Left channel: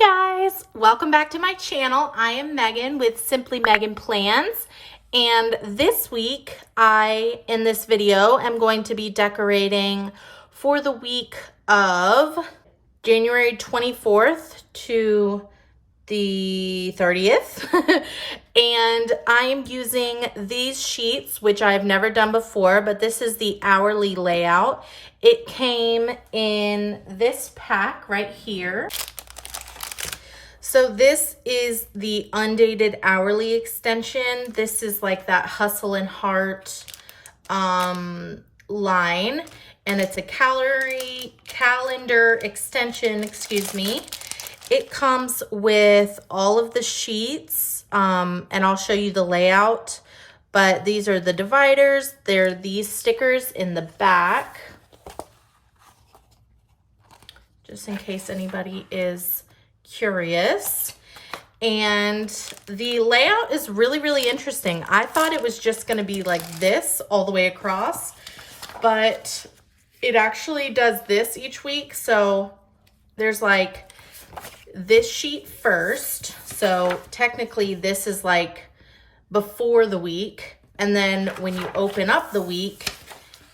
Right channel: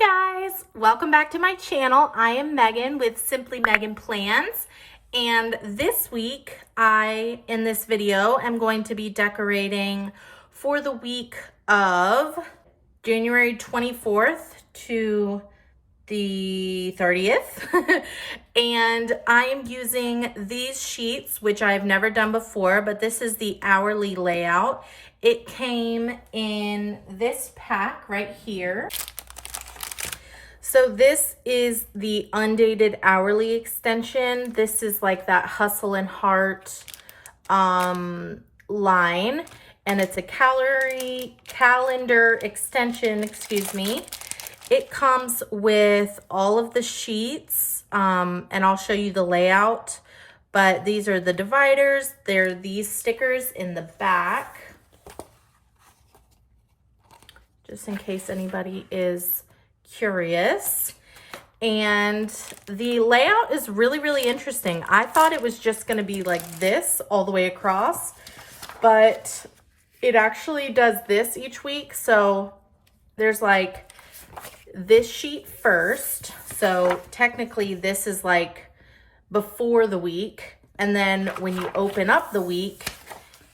Hi guys, welcome back to my channel. I am Megan with Simply Megan Plans, and this week in this video am going to be decorating for the week of January 24th to the 30th. And I am using these sheets, which I've never done before, but this is the hourly layout. It came in this pack right here. So this is the undated hourly extension. This is like that Hustle and Heart line, and it's a calendar extension, excuse me. It comes with all of the sheets, and I'll show you the layout, but these are the dividers. They're these stickers in the back, just in case anybody is curious. And the layout is really interesting. I thought it was just going to be like this all the way across, but it actually does this each week. So there's like this sheet first, so technically this is like before the week, and then when you open up the week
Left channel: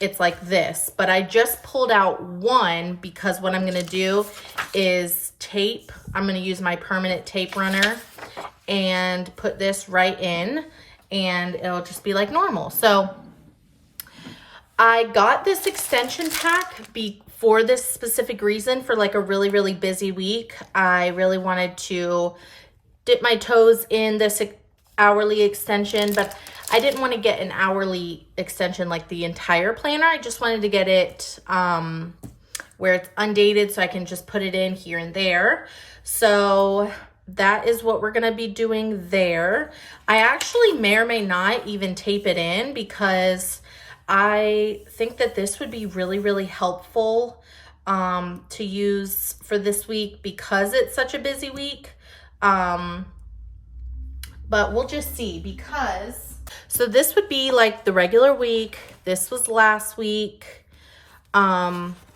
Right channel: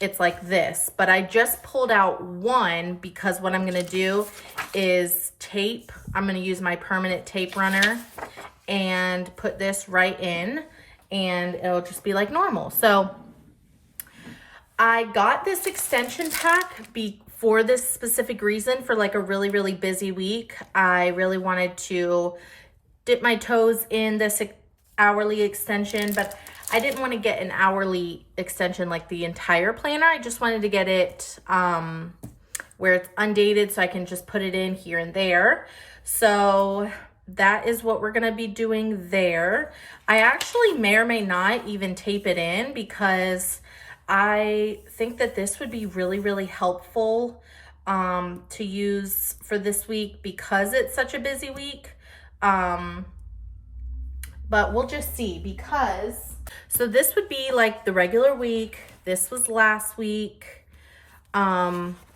it's like this. But I just pulled out one because what I'm going to do is tape. I'm going to use my permanent tape runner and put this right in, and it'll just be like normal. So I got this extension pack for this specific reason. For like a really busy week, I really wanted to dip my toes in this hourly extension, but I didn't want to get an hourly extension like the entire planner. I just wanted to get it where it's undated, so I can just put it in here and there. So that is what we're going to be doing there. I actually may or may not even tape it in, because I think that this would be really helpful to use for this week, because it's such a busy week. But we'll just see, because so this would be like the regular week. This was last week.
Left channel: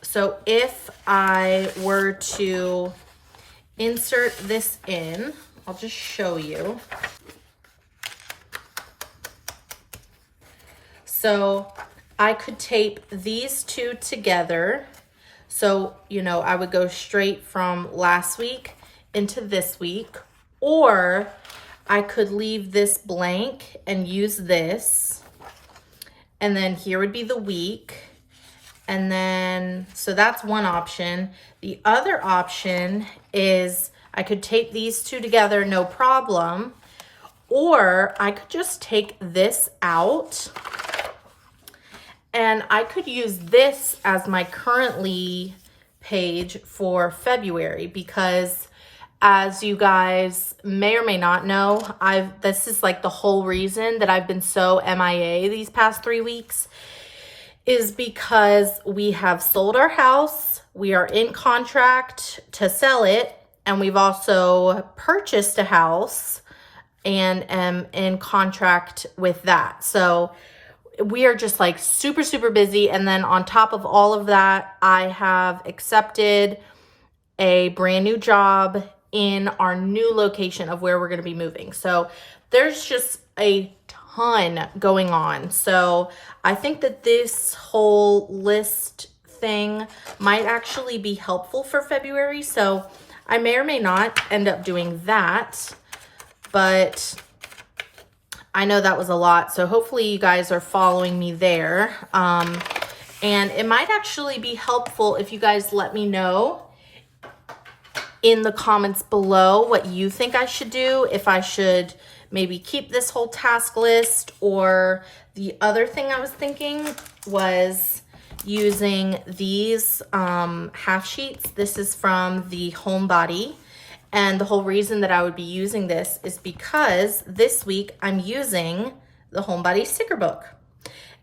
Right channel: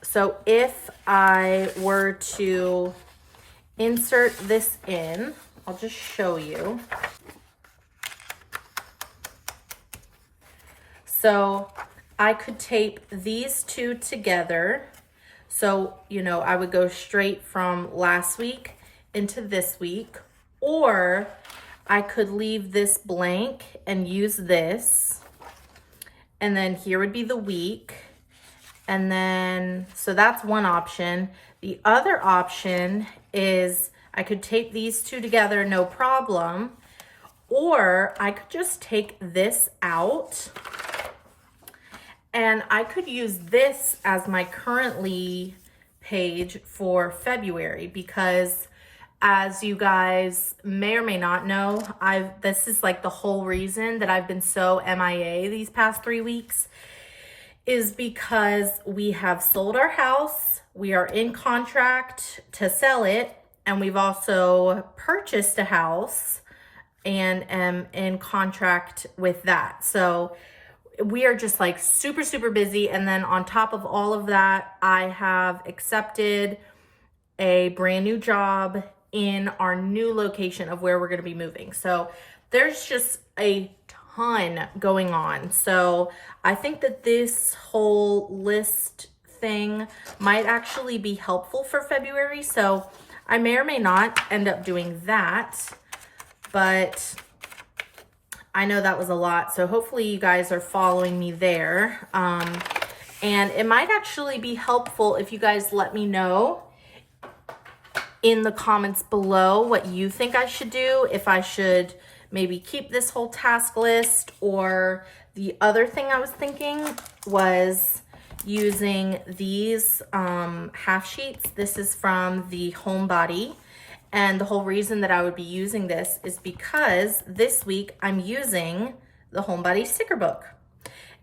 So if I were to insert this in, I'll just show you. So I could tape these two together. So, you know, I would go straight from last week into this week, or I could leave this blank and use this, and then here would be the week. And then, so that's one option. The other option is I could tape these two together, no problem, or I could just take this out and I could use this as my currently page for February, because as you guys may or may not know, this is like the whole reason that I've been so MIA these past 3 weeks, is because we have sold our house, we are in contract to sell it, and we've also purchased a house and am in contract with that. So we are just like super busy. And then on top of all of that, I have accepted a brand new job in our new location of where we're going to be moving. So there's just a ton going on. So I think that this whole list thing might actually be helpful for February. So I may or may not end up doing that, but I know that was a lot. So hopefully you guys are following me there. And it might actually be helpful if you guys let me know in the comments below what you think I should do, if I should maybe keep this whole task list, or the other thing I was thinking was using these half sheets. This is from the Homebody, and the whole reason that I would be using this is because this week I'm using the Homebody sticker book.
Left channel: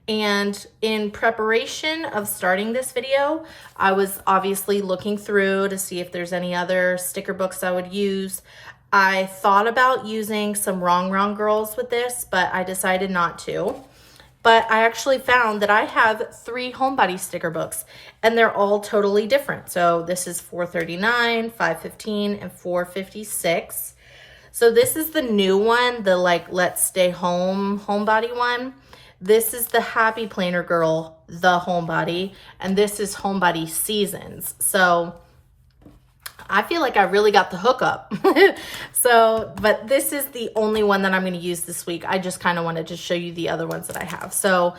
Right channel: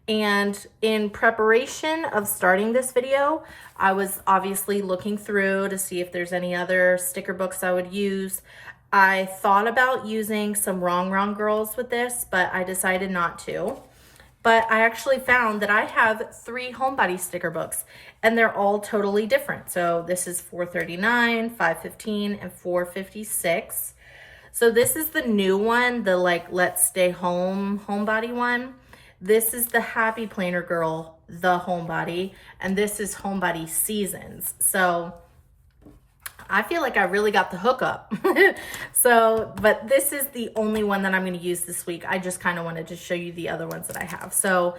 And in preparation of starting this video, I was obviously looking through to see if there's any other sticker books I would use. I thought about using some Wrong Girls with this, but I decided not to. but I actually found that I have 3 Homebody sticker books, and they're all totally different. So this is $4.39, $5.15, and $4.56. So this is the new one, the like Let's Stay Home Homebody one. This is the Happy Planner Girl, the Homebody, and this is Homebody Seasons. So I feel like I really got the hookup. So, but this is the only one that I'm going to use this week. I just kind of wanted to show you the other ones that I have. So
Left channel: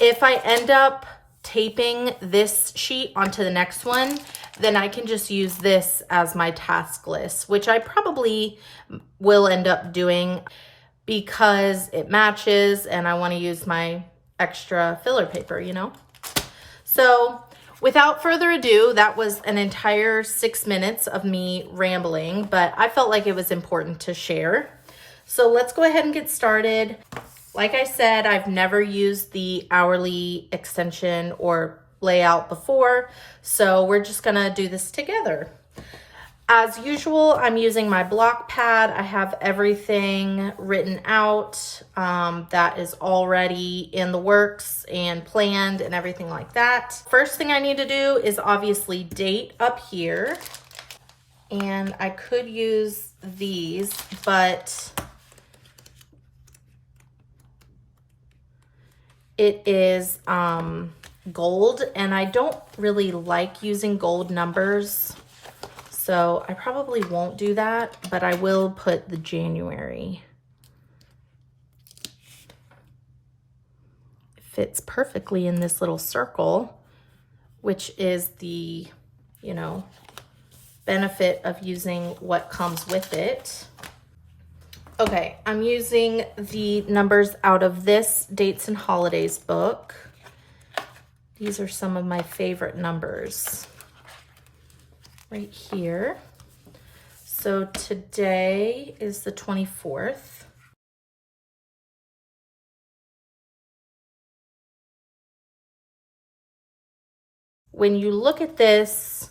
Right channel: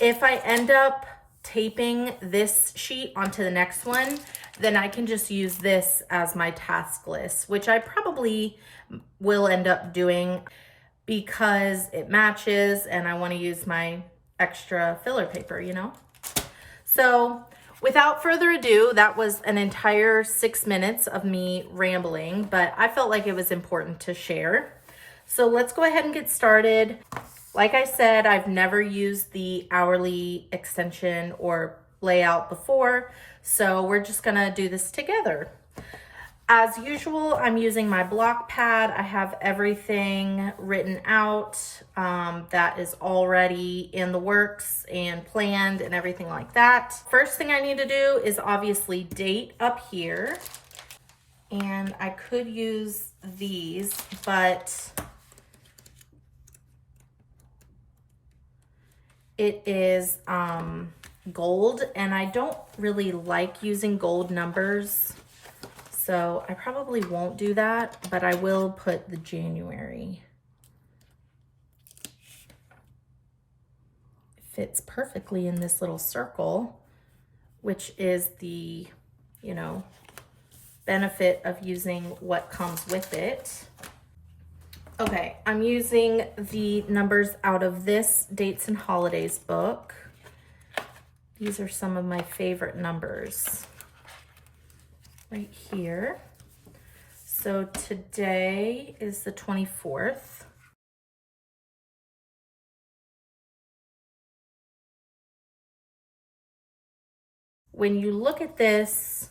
if I end up taping this sheet onto the next one, then I can just use this as my task list, which I probably will end up doing because it matches and I want to use my extra filler paper, you know? So without further ado, that was an entire 6 minutes of me rambling, but I felt like it was important to share. So let's go ahead and get started. Like I said, I've never used the hourly extension or layout before, so we're just gonna do this together. As usual, I'm using my block pad. I have everything written out that is already in the works and planned and everything like that. First thing I need to do is obviously date up here. And I could use these, but it is gold, and I don't really like using gold numbers. So I probably won't do that, but I will put the January. It fits perfectly in this little circle, which is the, you know, benefit of using what comes with it. Okay, I'm using the numbers out of this Dates and Holidays book. These are some of my favorite numbers. Right here. So today is the 24th. When you look at this,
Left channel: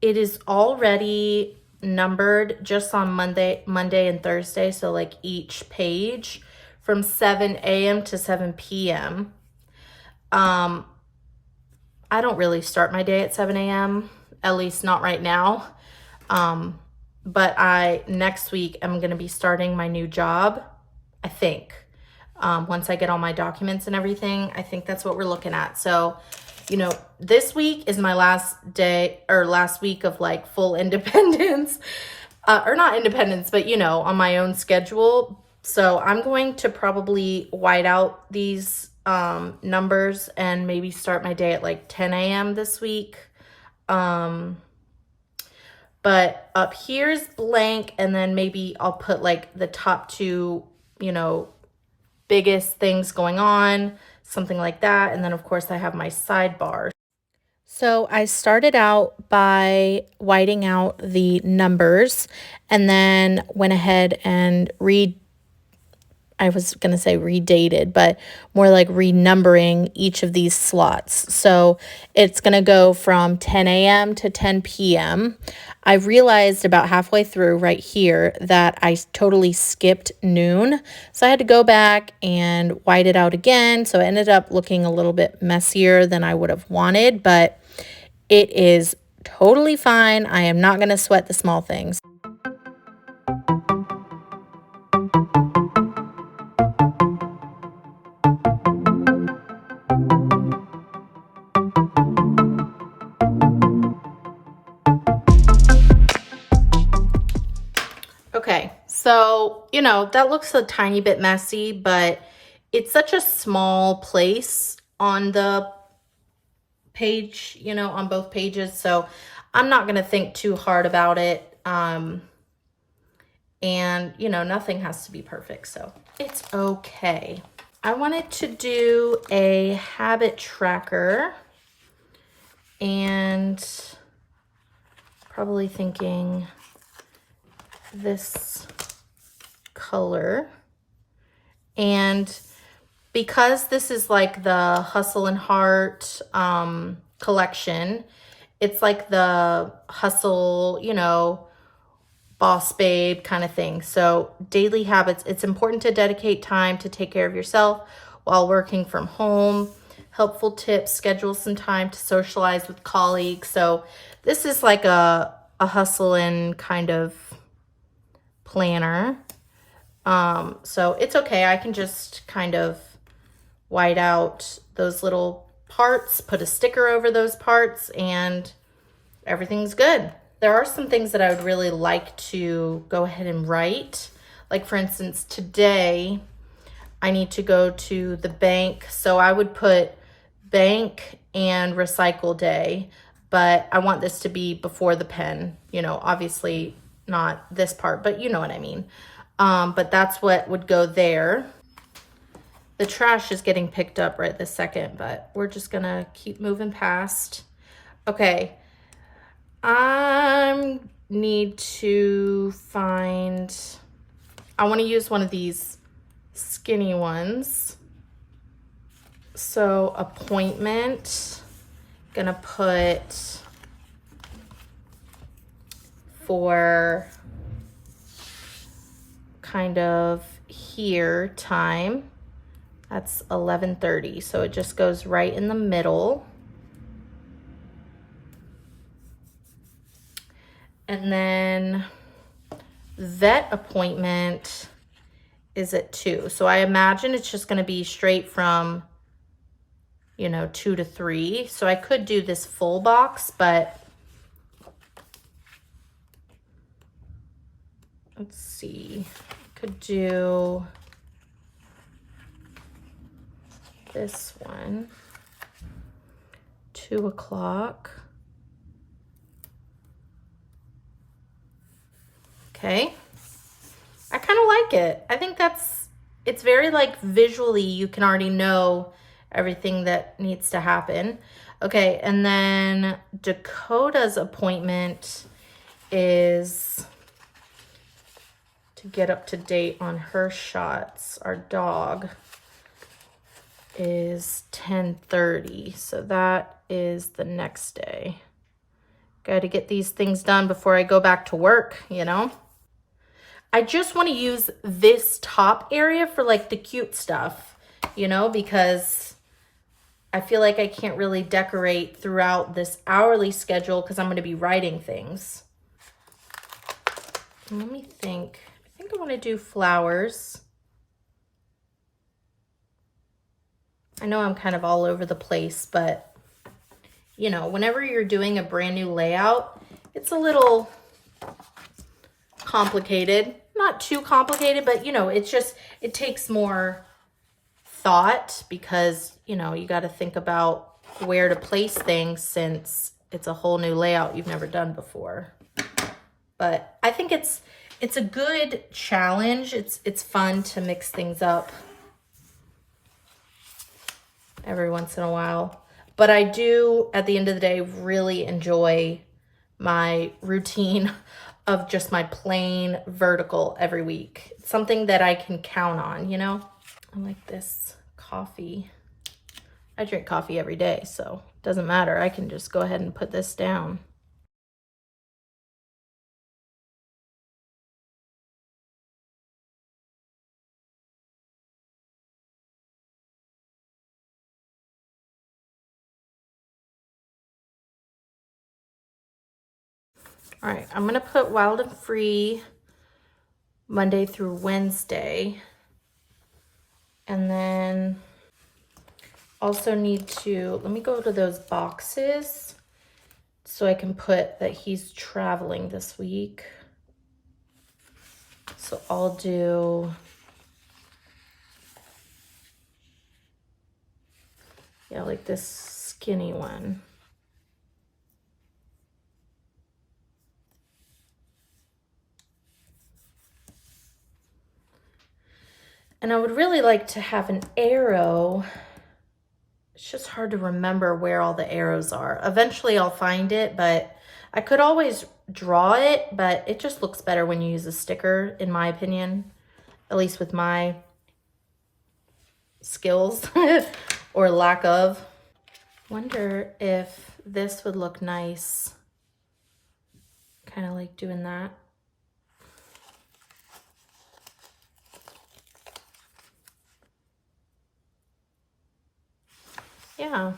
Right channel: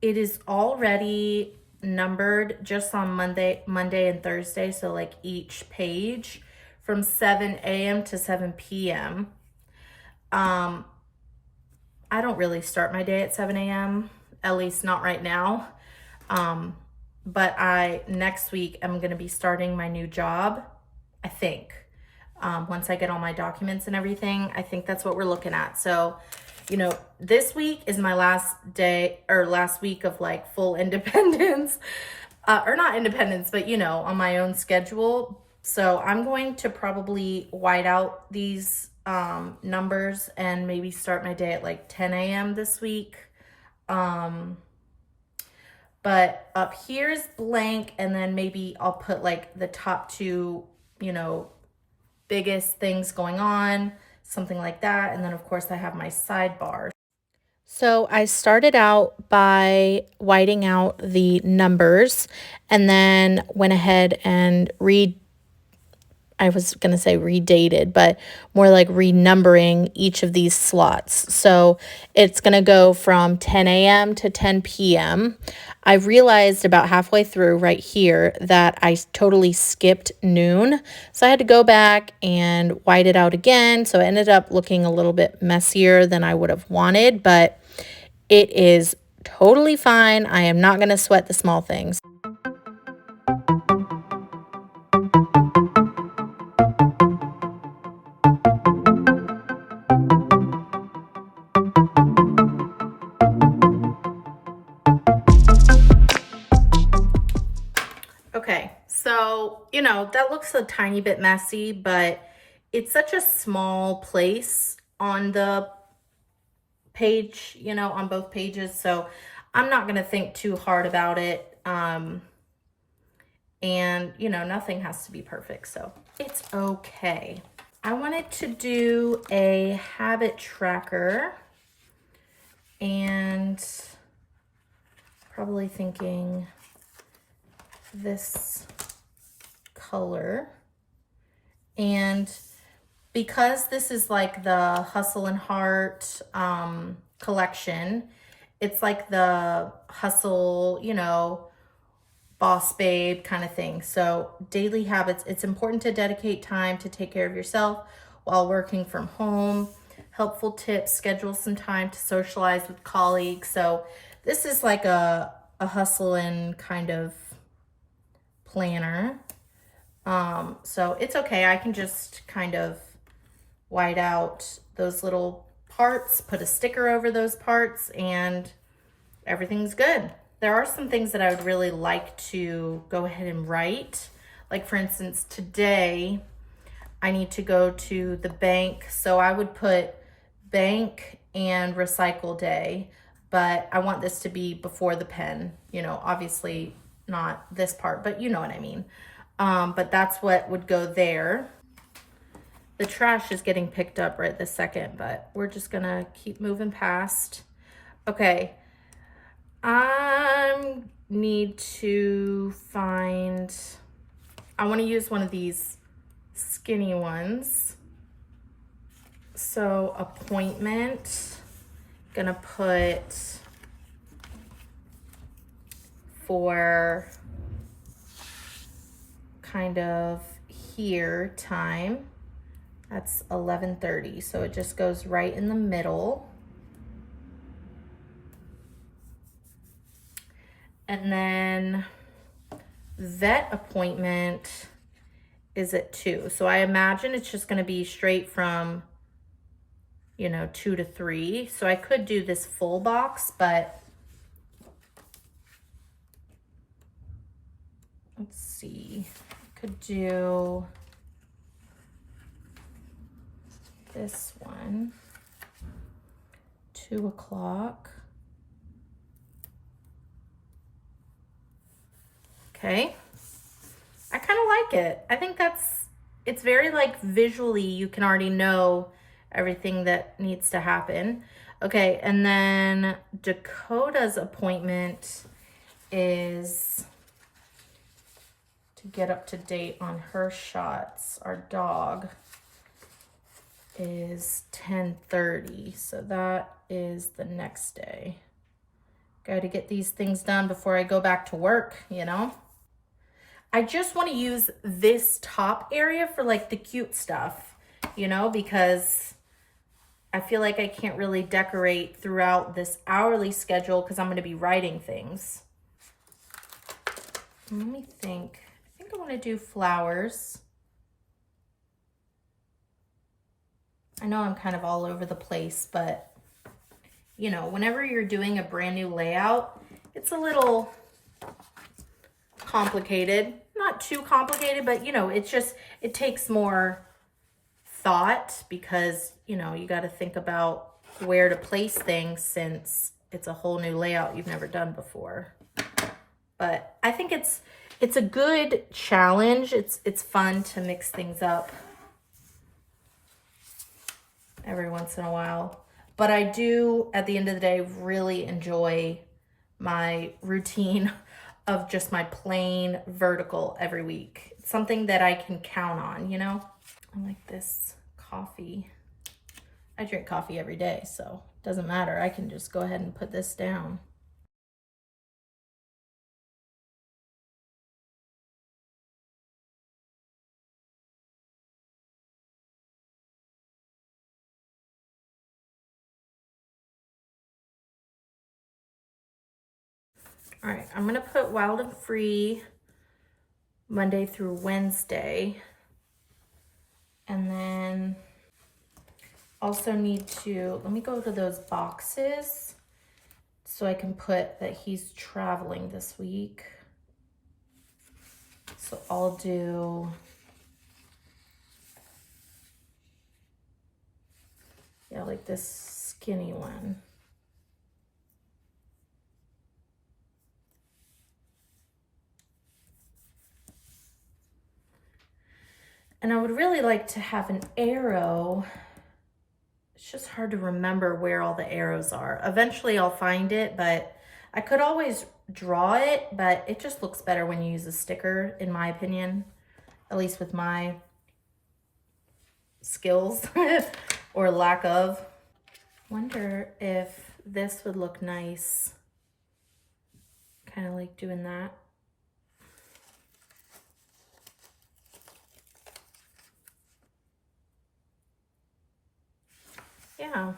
it is already numbered just on Monday and Thursday. So like each page from 7 a.m. to 7 p.m. I don't really start my day at 7 a.m. at least not right now. But next week, I'm going to be starting my new job, I think. Once I get all my documents and everything, I think that's what we're looking at. So, you know, this week is my last day or last week of like full independence, or not independence, but you know, on my own schedule. So I'm going to probably white out these numbers and maybe start my day at like 10 a.m. this week. But up here's blank, and then maybe I'll put like the top 2, you know, biggest things going on, something like that. And then of course I have my sidebar. So I started out by whiting out the numbers and then went ahead and I was going to say redated, but more like renumbering each of these slots. So it's going to go from 10 a.m. to 10 p.m. I realized about halfway through right here that I totally skipped noon. So I had to go back and white it out again. So it ended up looking a little bit messier than I would have wanted, but it is totally fine. I am not going to sweat the small things. Okay, so, you know, that looks a tiny bit messy, but it's such a small place on the page, you know, on both pages. So I'm not going to think too hard about it. And, you know, nothing has to be perfect, so it's okay. I wanted to do a habit tracker, and probably thinking this color. And because this is like the Hustle and Heart collection, it's like the hustle, you know, boss babe kind of thing. So daily habits, it's important to dedicate time to take care of yourself. while working from home. Helpful tips, schedule some time to socialize with colleagues. So this is like a hustle and kind of planner. So it's okay. I can just kind of white out those little parts, put a sticker over those parts, and everything's good. There are some things that I would really like to go ahead and write. Like for instance, today I need to go to the bank. So I would put bank and recycle day, but I want this to be before the pen, you know, obviously not this part, but you know what I mean. But that's what would go there. The trash is getting picked up right this second, but we're just gonna keep moving past. Okay, I need to find, I wanna use one of these skinny ones. So appointment, gonna put for kind of here time. That's 11:30, so it just goes right in the middle. And then vet appointment is at 2. So I imagine it's just gonna be straight from, you know, 2 to 3. So I could do this full box, but let's see, could do this one, 2 o'clock. Okay, I kind of like it. I think it's very like visually, you can already know everything that needs to happen. Okay, and then Dakota's appointment is to get up to date on her shots. Our dog is 10:30, so that is the next day. Got to get these things done before I go back to work, you know? I just want to use this top area for like the cute stuff, you know, because I feel like I can't really decorate throughout this hourly schedule because I'm going to be writing things. Let me think. I think I want to do flowers. I know I'm kind of all over the place, but you know, whenever you're doing a brand new layout, it's a little complicated. Not too complicated, but you know, it's just, it takes more thought because, you know, you got to think about where to place things since it's a whole new layout you've never done before. But I think it's a good challenge. It's fun to mix things up every once in a while. But I do, at the end of the day, really enjoy my routine of just my plain vertical every week. It's something that I can count on, you know? I like this coffee. I drink coffee every day, so it doesn't matter. I can just go ahead and put this down. All right, I'm gonna put Wild and Free Monday through Wednesday. And then also need to, let me go to those boxes so I can put that he's traveling this week. So I'll do, yeah, like this skinny one. And I would really like to have an arrow. It's just hard to remember where all the arrows are. Eventually I'll find it, but I could always draw it, but it just looks better when you use a sticker, in my opinion, at least with my skills or lack of. Wonder if this would look nice. Kind of like doing that. yeah.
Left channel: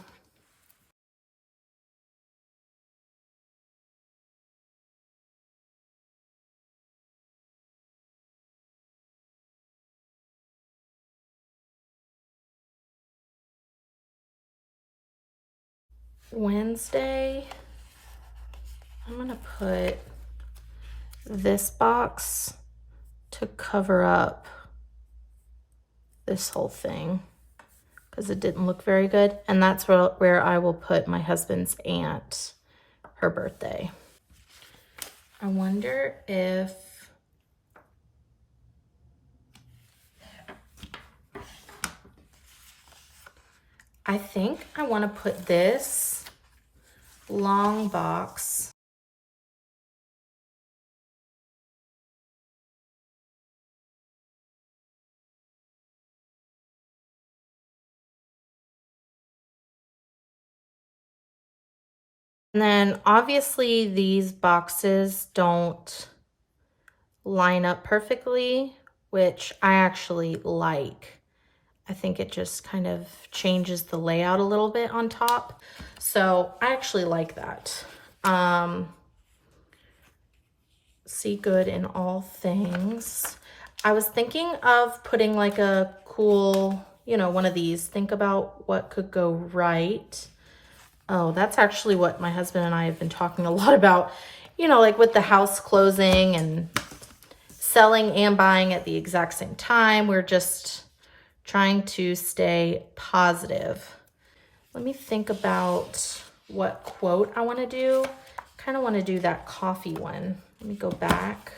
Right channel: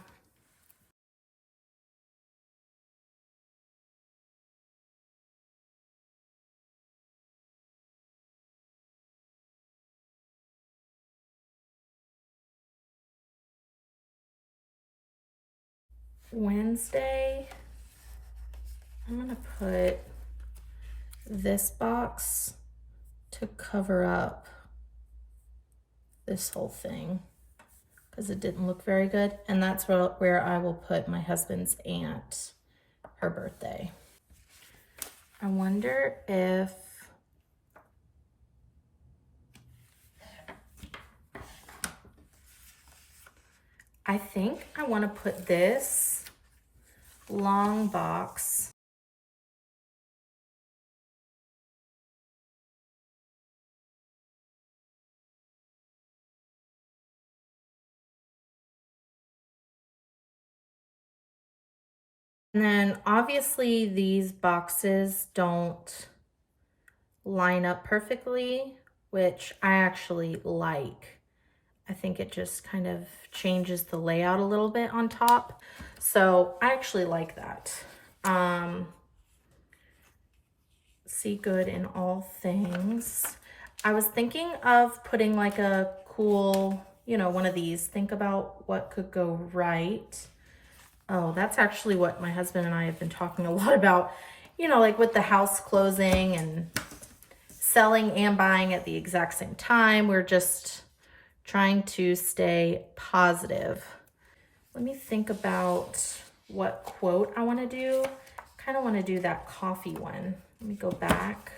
Wednesday, I'm gonna put this box to cover up this whole thing because it didn't look very good. And that's where I will put my husband's aunt, her birthday. I wonder if I think I want to put this long box and then obviously these boxes don't line up perfectly, which I actually like. I think it just kind of changes the layout a little bit on top. So I actually like that. See good in all things. I was thinking of putting like a cool, you know, one of these. Think about what could go right. Oh, that's actually what my husband and I have been talking a lot about, you know, like with the house closing and selling and buying at the exact same time. We're just trying to stay positive. Let me think about what quote I want to do. Kind of want to do that coffee one. Let me go back.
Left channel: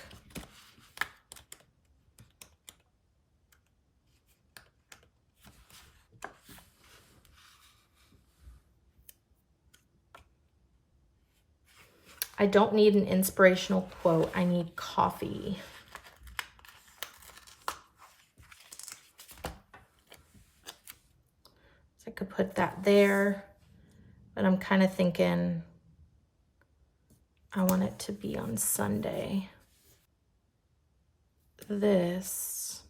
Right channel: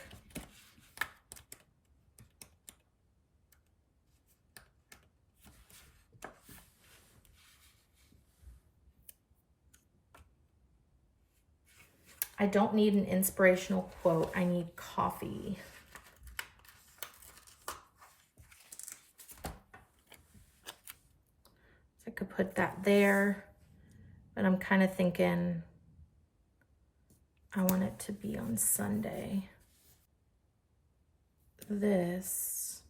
I don't need an inspirational quote. I need coffee. So I could put that there, but I'm kind of thinking I want it to be on Sunday. This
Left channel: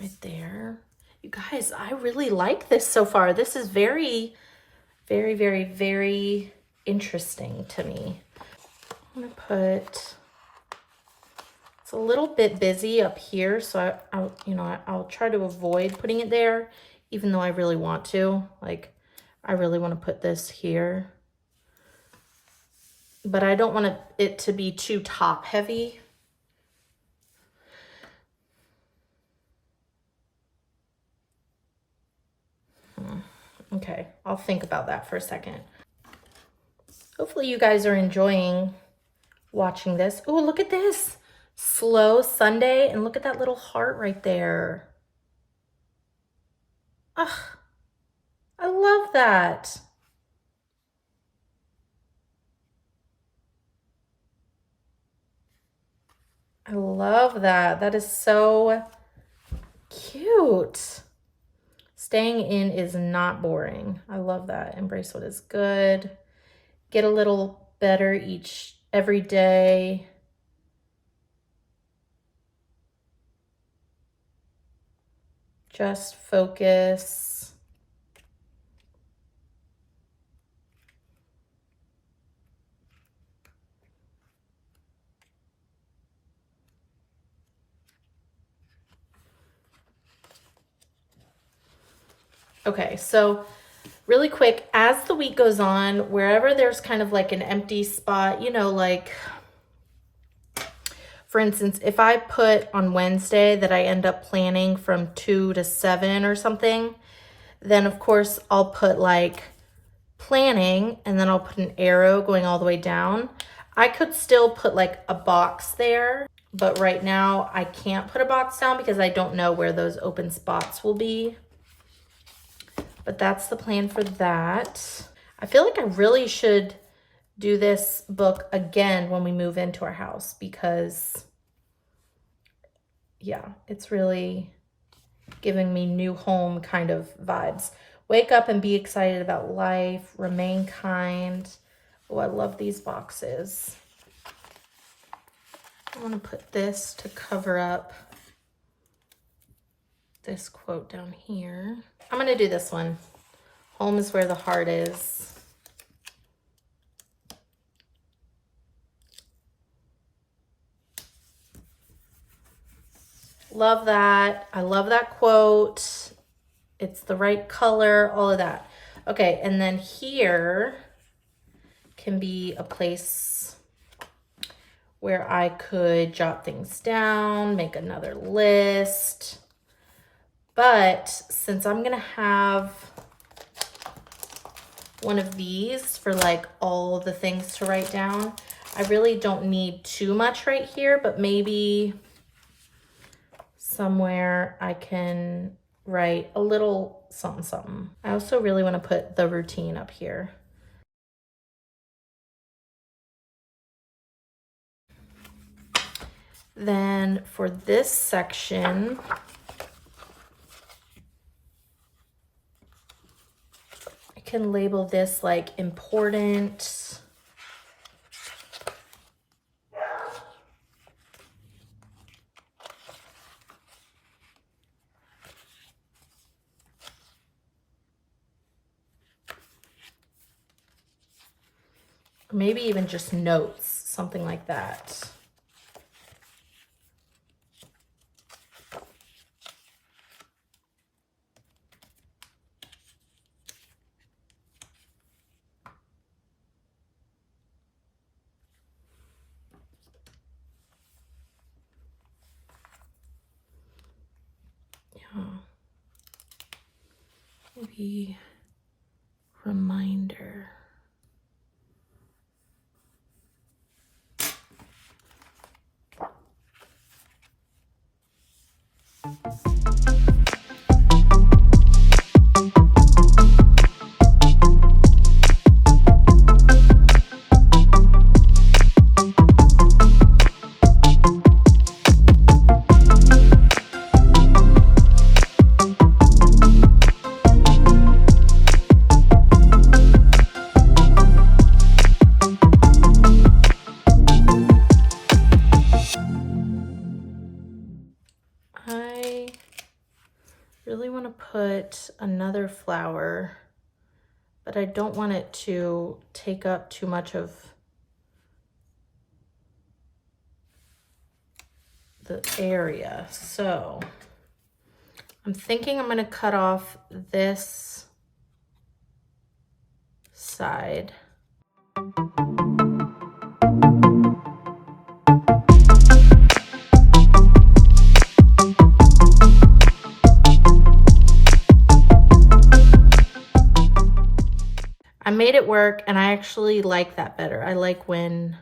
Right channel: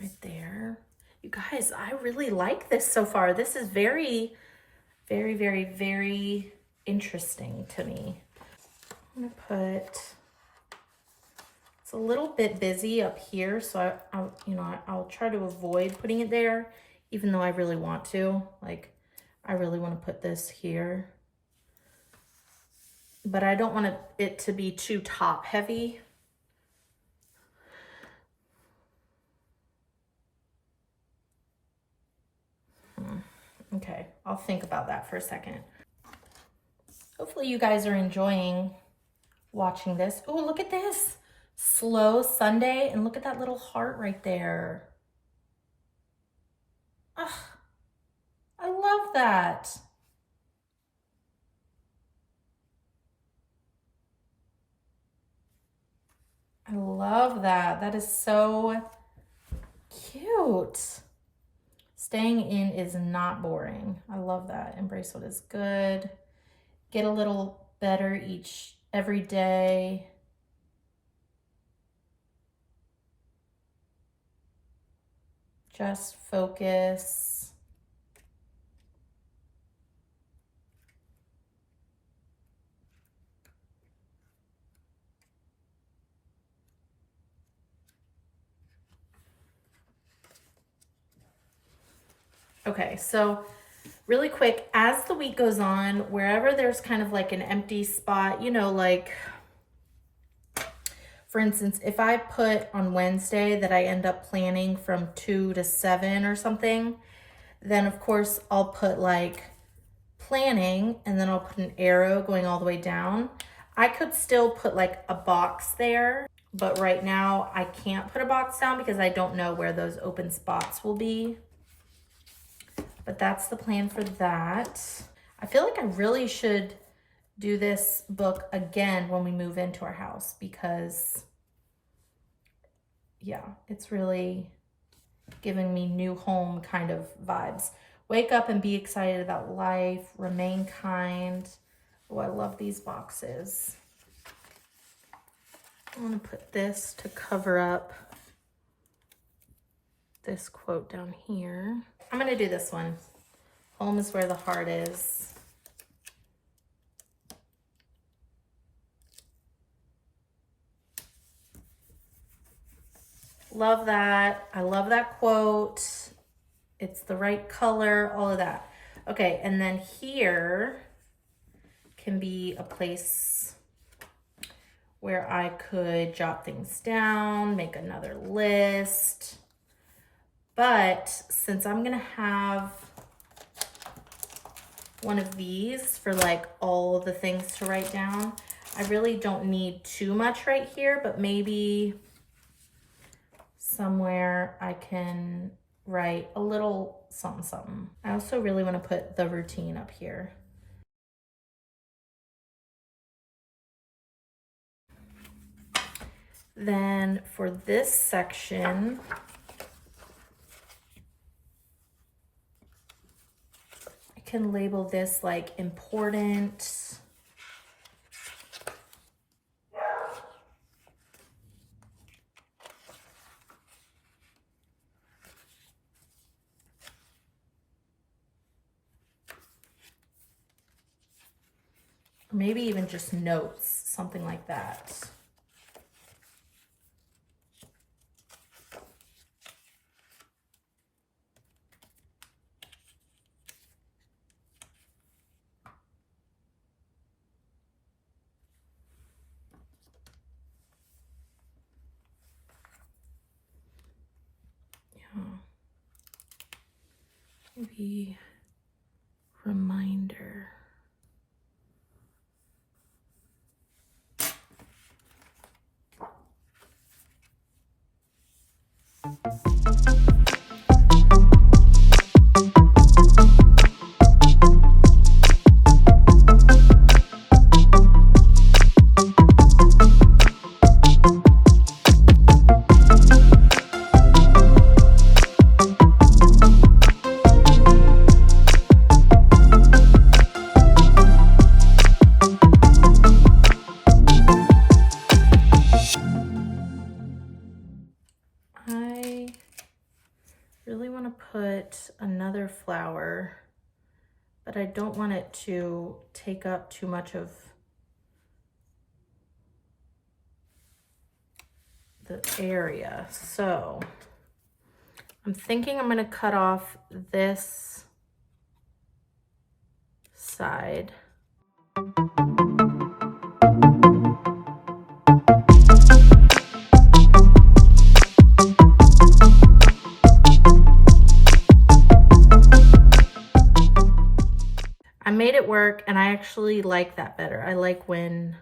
right there. You guys, I really like this so far. This is very, very, very, very interesting to me. I'm gonna put, it's a little bit busy up here, so I'll try to avoid putting it there, even though I really want to. Like, I really want to put this here, but I don't want it to be too top heavy. Okay, I'll think about that for a second. Hopefully you guys are enjoying watching this. Oh, look at this. Slow Sunday, and look at that little heart right there. Ugh, I love that. I love that. That is so cute. Staying in is not boring. I love that. Embrace what is good. Get a little better every day. Just focus. Okay, so really quick, as the week goes on, wherever there's kind of like an empty spot, you know, like for instance, if I put on Wednesday that I end up planning from 2 to 7 or something, then of course I'll put like planning and then I'll put an arrow going all the way down. I could still put like a box there, but right now I can't put a box down because I don't know where those open spots will be. But that's the plan for that. I feel like I really should do this book again when we move into our house because, yeah, it's really giving me new home kind of vibes. Wake up and be excited about life. Remain kind. Oh, I love these boxes. I want to put this to cover up this quote down here. I'm going to do this one. Home is where the heart is. Love that. I love that quote. It's the right color, all of that. Okay, and then here can be a place where I could jot things down, make another list. But since I'm gonna have one of these for like all the things to write down, I really don't need too much right here, but maybe somewhere I can write a little something something. I also really want to put the routine up here. Then for this section, I can label this like important. Or maybe even just notes, something like that. Maybe reminder. I really want to put another flower, but I don't want it to take up too much of the area. So I'm thinking I'm going to cut off this side. I made it work, and I actually like that better. I like when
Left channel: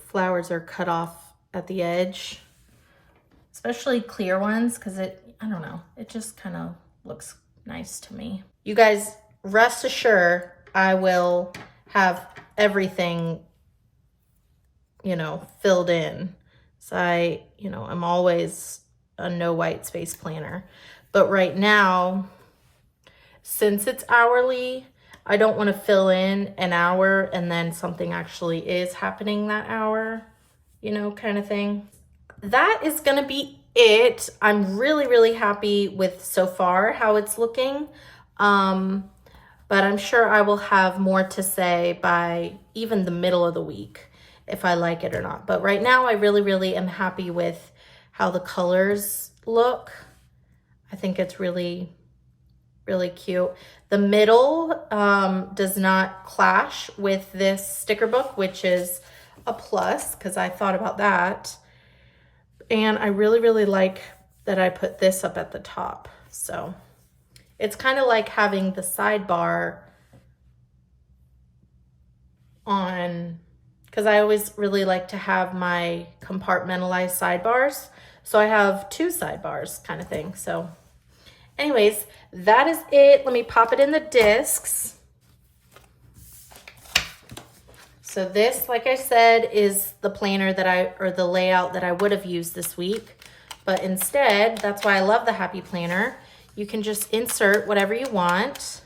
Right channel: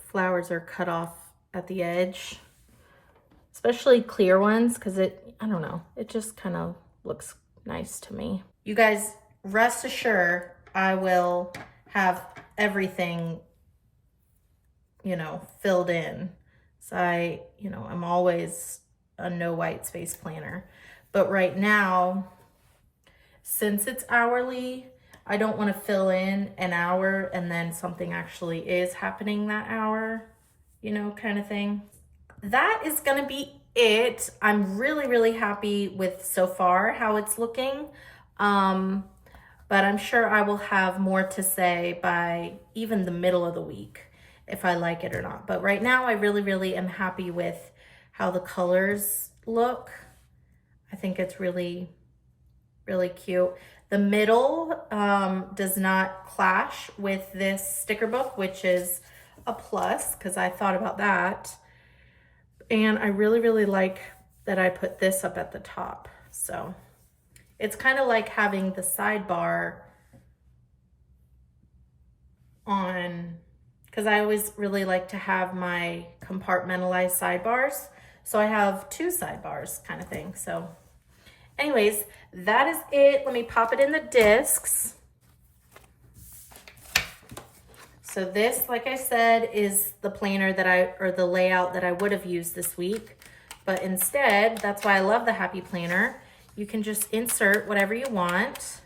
flowers are cut off at the edge, especially clear ones, because I don't know, it just kind of looks nice to me. You guys, rest assured, I will have everything, filled in. So I'm always a no white space planner. But right now, since it's hourly, I don't want to fill in an hour and then something actually is happening that hour, kind of thing. That is going to be it. I'm really, really happy with so far how it's looking. But I'm sure I will have more to say by even the middle of the week if I like it or not. But right now I really, really am happy with how the colors look. I think it's really, really cute. The middle does not clash with this sticker book, which is a plus because I thought about that. And I really, really like that I put this up at the top. So it's kind of like having the sidebar on, because I always really like to have my compartmentalized sidebars. So I have two sidebars kind of thing. So anyways, that is it. Let me pop it in the discs. So this, like I said, is the planner or the layout that I would have used this week. But instead, that's why I love the Happy Planner. You can just insert whatever you want.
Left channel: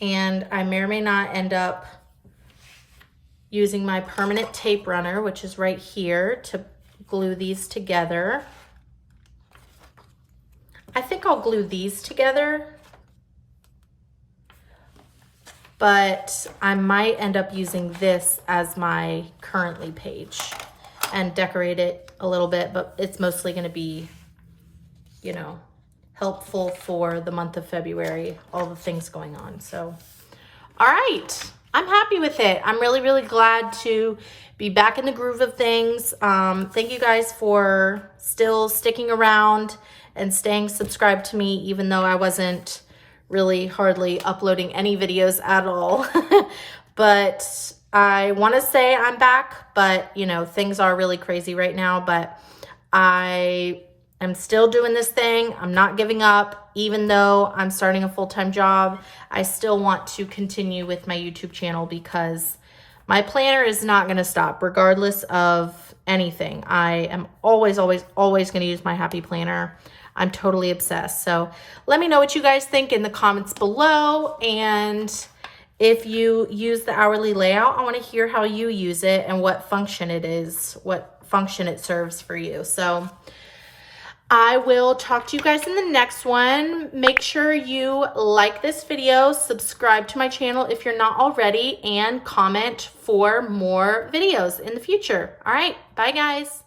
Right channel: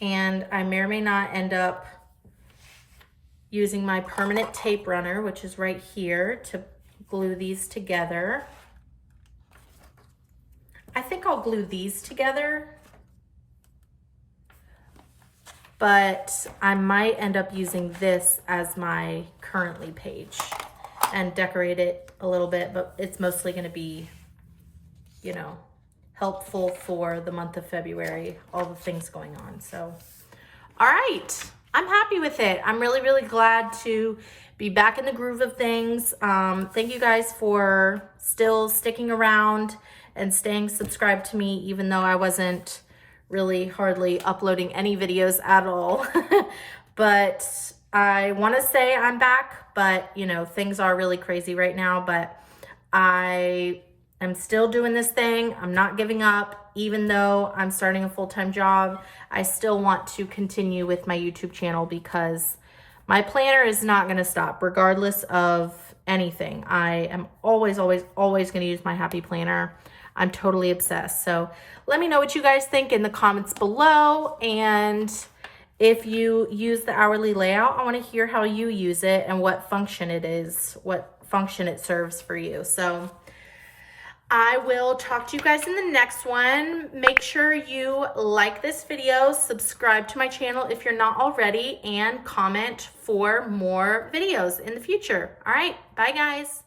And I may or may not end up using my permanent tape runner, which is right here, to glue these together. I think I'll glue these together but I might end up using this as my currently page and decorate it a little bit, but it's mostly going to be, you know, helpful for the month of February, all the things going on. So, all right, I'm happy with it. I'm really, really glad to be back in the groove of things. Thank you guys for still sticking around and staying subscribed to me, even though I wasn't really hardly uploading any videos at all. But I want to say I'm back, but you know, things are really crazy right now, but I am still doing this thing. I'm not giving up. Even though I'm starting a full-time job, I still want to continue with my YouTube channel because my planner is not going to stop regardless of anything. I am always, always, always going to use my happy planner. I'm totally obsessed. So let me know what you guys think in the comments below. And if you use the hourly layout, I want to hear how you use it and what function it is, what function it serves for you. So I will talk to you guys in the next one. Make sure you like this video, subscribe to my channel if you're not already, and comment for more videos in the future. All right, bye guys.